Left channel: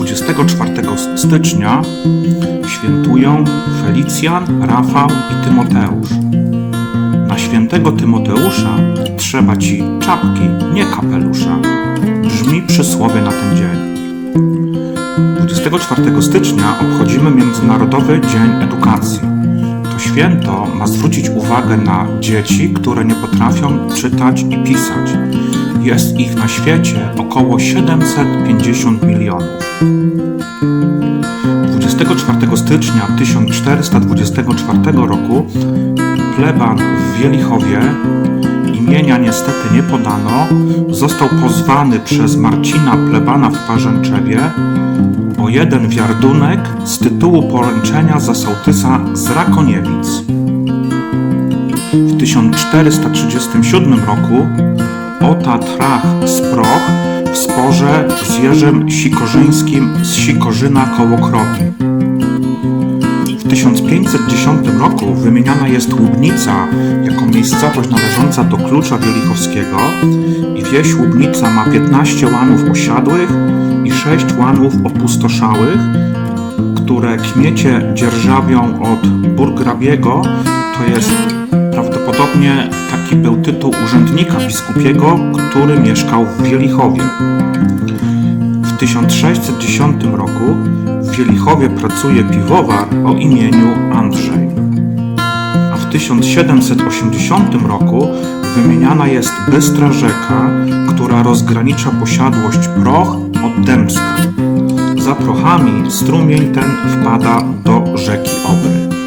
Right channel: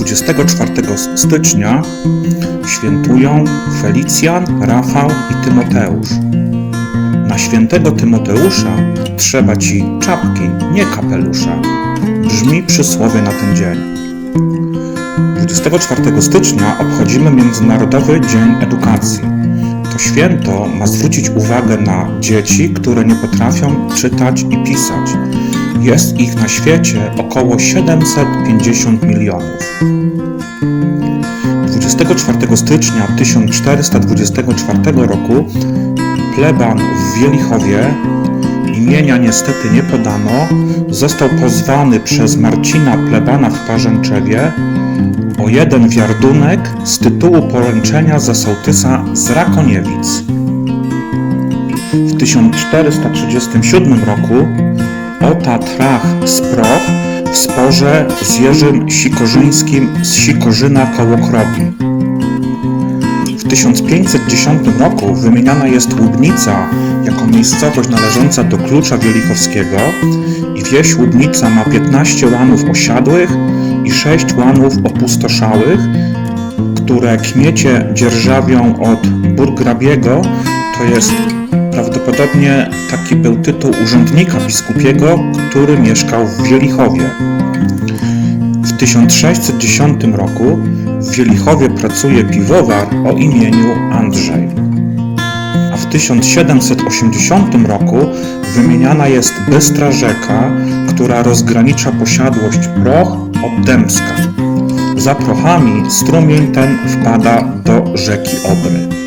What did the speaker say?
24 stycznia świętują Felicjan, Rafał i Tymoteusz. Na świętego Tymoteusza trzeba ci czapki, nie kapelusza. Brzmi przysłowie na ten dzień. 24 stycznia obchodzimy Międzynarodowy Dzień Edukacji. To święto ma zwrócić uwagę na dzieci, które nie potrafią czytać i pisać. Jest ich na świecie około 750 milionów. 24 stycznia 1424 roku pleban w Wielichowie, imienia niestety nie podano, został pozwany przez Marcina plebana w Parzęczewie. O jeden wiardunek z tytułu poręczenia za sołtysa z Rakoniewic. W 1437 roku Ota Trach z Proch sporze z Jerzym Sikorzyńskim z Sikorzyna koło Krobi. W 1510 roku wymieniana jest Łubnica jako miejscowość należąca do Klucza Wielichowskiego i wieś Łubnica ma 15 łanów osiadłych i 6 łanów opustoszałych, które kmiecie dzierżawią od burgrabiego, to jest prawdopodobnie taki był tytuł urzędnika biskupiego, który mieszkał w Wielichowie. W 1610 roku w Wielichowie pracuje piwowar o imieniu Andrzej. A w 1780 roku wymieniana jest Bystra rzeka, która rozgranicza posiadłość Proch od Dębska. Za Prochami strumień ten wpada do rzeki Obry.